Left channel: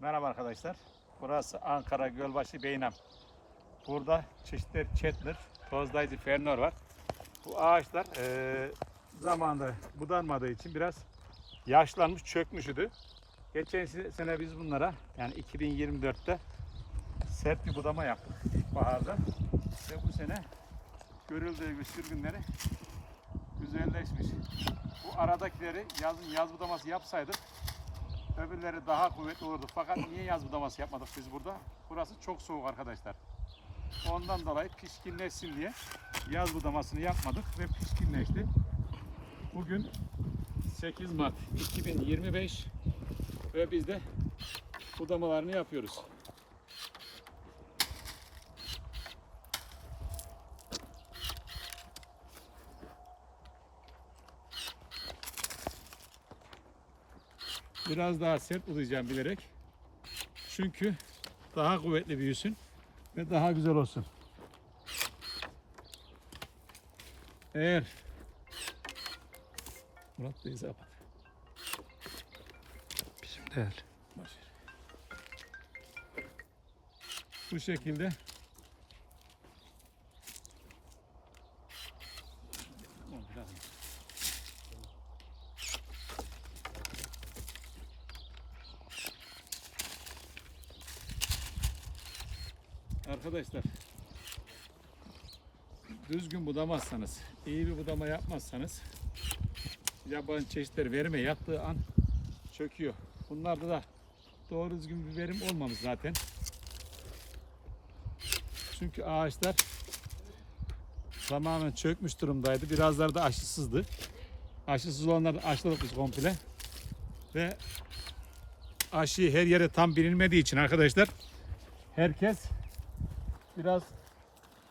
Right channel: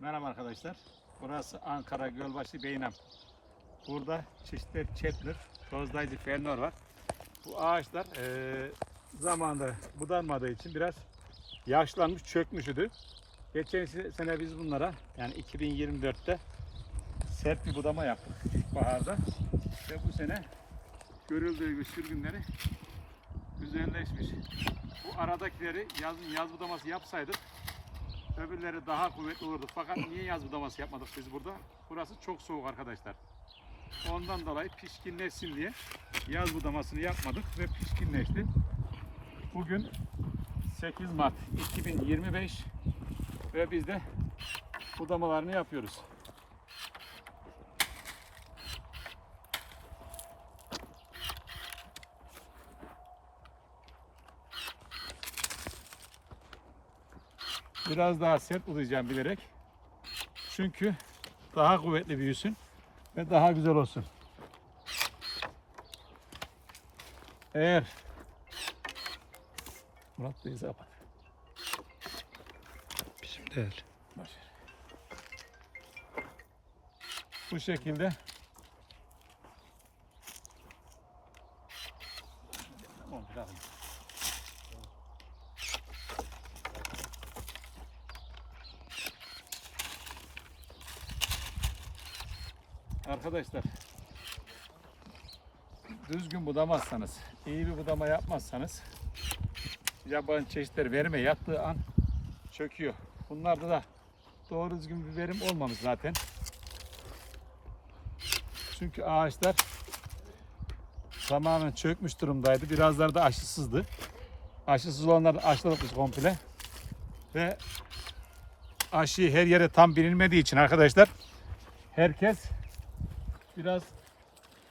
Merhaba arkadaşlar. Burası Ankara Gölbaşı Beynam. Burada çeşitli çetnir, tozlayıcı fernör var. Bu ağaçlar eee zamanında budanmadığı için biraz yaşlanmış, çökmüş idi. Geçen se- sene biz bunlara yani 2024'te sert bir budama yaptık baharda. Ve bu sene görüldüğü gibi sürgünleri güzelleşmiş. Bu aradakileri yaz, yaz budaması yapsaydık öbürleri daha kuvvetli olurdu. Fakat niye yaz budaması yapmadık biz burada? Burası çok soğuk arkadaşlar. Ondan dolayı pişkinleşsin diye yaz budamasını yapmadık ve pişkinleşti. Bugün 8 Mart 2025 ve biz de budamalarını yapıyoruz. Biraz daha sert budayacağım bilerek. Çünkü daha kuvvetli büyüsün ve daha güzel olsun. Eğer Murat Bey'i kapat. Bizim değil. Bu şekilde Tamam, biraz. Arkadaşlar düzgün budamazsanız, iyi bir budama yapmazsanız yabancı çeşitler verime yattığı an çöküyor. Bunlarda da doğru düzgün bir verim olmamış zaten. Çünkü ağaçlar tamamen çökmüş durumdaydı. Birazları da aşısızdı. Aşısız olanları aşıladık komple. Ve aşı her yere tam bilinmediği için arkadaşlar herkes biraz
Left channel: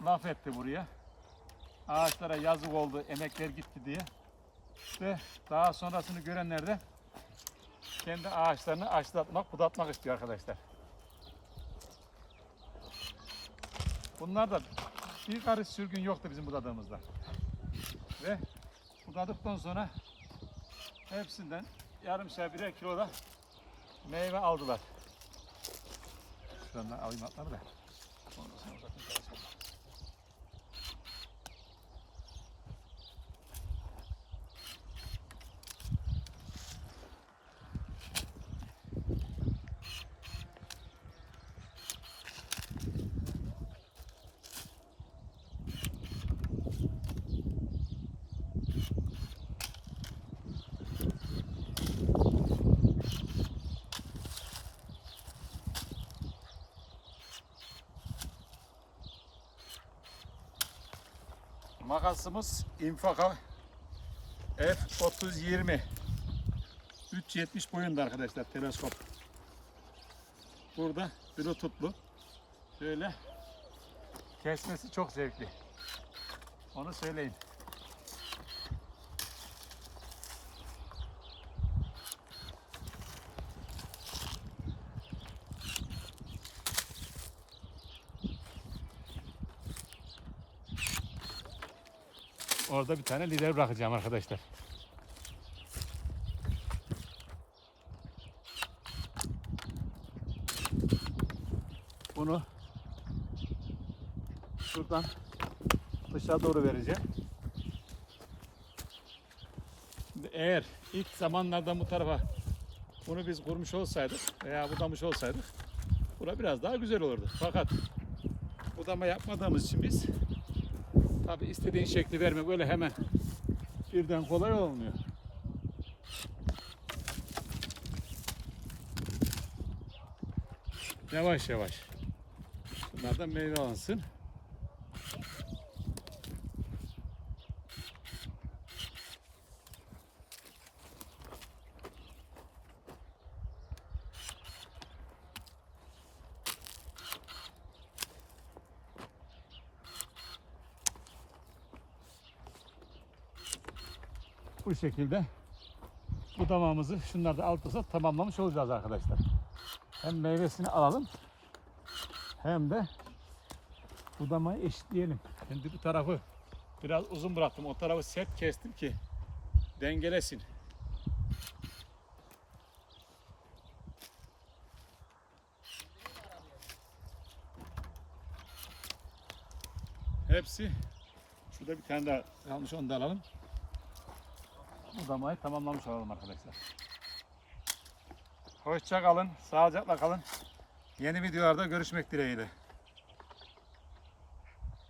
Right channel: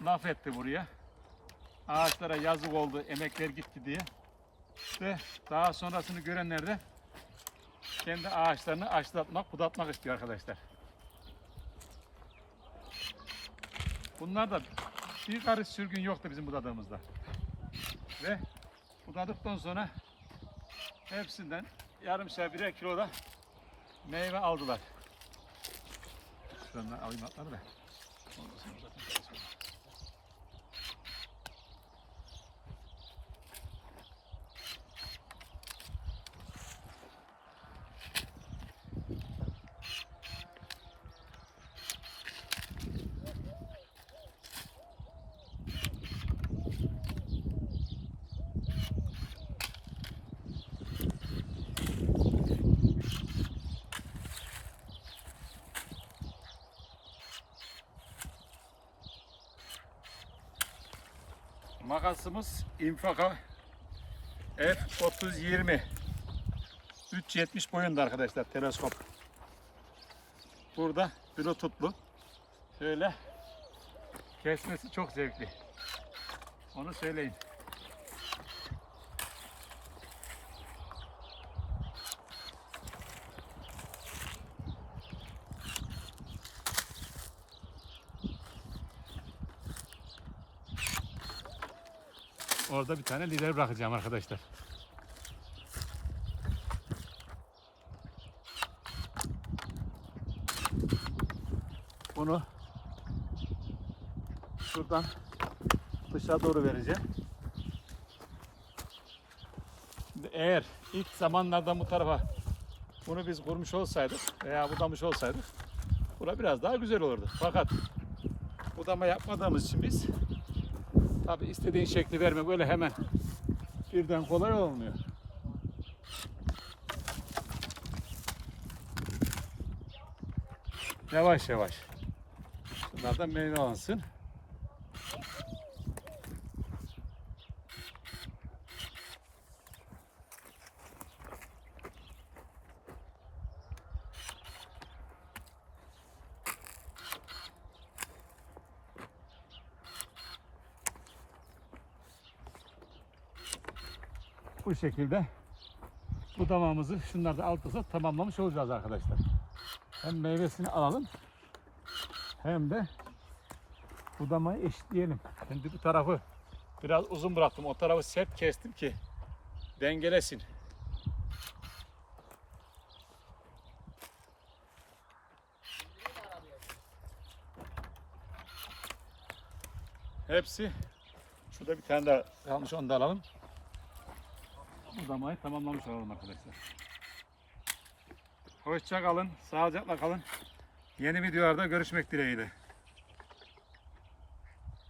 laf etti buraya. Ağaçlara yazık oldu, emekler gitti diye. Ve daha sonrasını görenler de kendi ağaçlarını aşılatmak, budatmak istiyor arkadaşlar. Bunlar da bir karış sürgün yoktu bizim budadığımızda. Ve budadıktan sonra hepsinden yarımşar birer kilo da meyve aldılar. Şuradan alayım atları da. Ondan sonra zaten karışmaz. Makasımız Infaka F3020 370 boyunda arkadaşlar teleskop. Burada bluetoothlu. Şöyle kesmesi çok zevkli. Onu söyleyin. Orada bir tane lider bırakacağım arkadaşlar. Bunu şuradan dışa doğru vereceğim. Eğer ilk zamanlarda bu tarafa bunu biz kurmuş olsaydık veya budamış olsaydık bura biraz daha güzel olurdu. Fakat budama yapmadığımız için biz Tabi istediğin şekli verme böyle hemen birden kolay olmuyor. Yavaş yavaş. Bunlardan meyve alınsın. Bu şekilde bu damağımızı şunlar da tamamlamış olacağız arkadaşlar. Hem meyvesini alalım hem de budamayı eşitleyelim. Şimdi bu tarafı biraz uzun bıraktım. O tarafı sert kestim ki dengelesin. Hepsi. Şurada bir tane daha kalmış onu da alalım. Budamayı tamamlamış olalım arkadaşlar. Hoşça kalın, sağlıcakla kalın. Yeni videolarda görüşmek dileğiyle.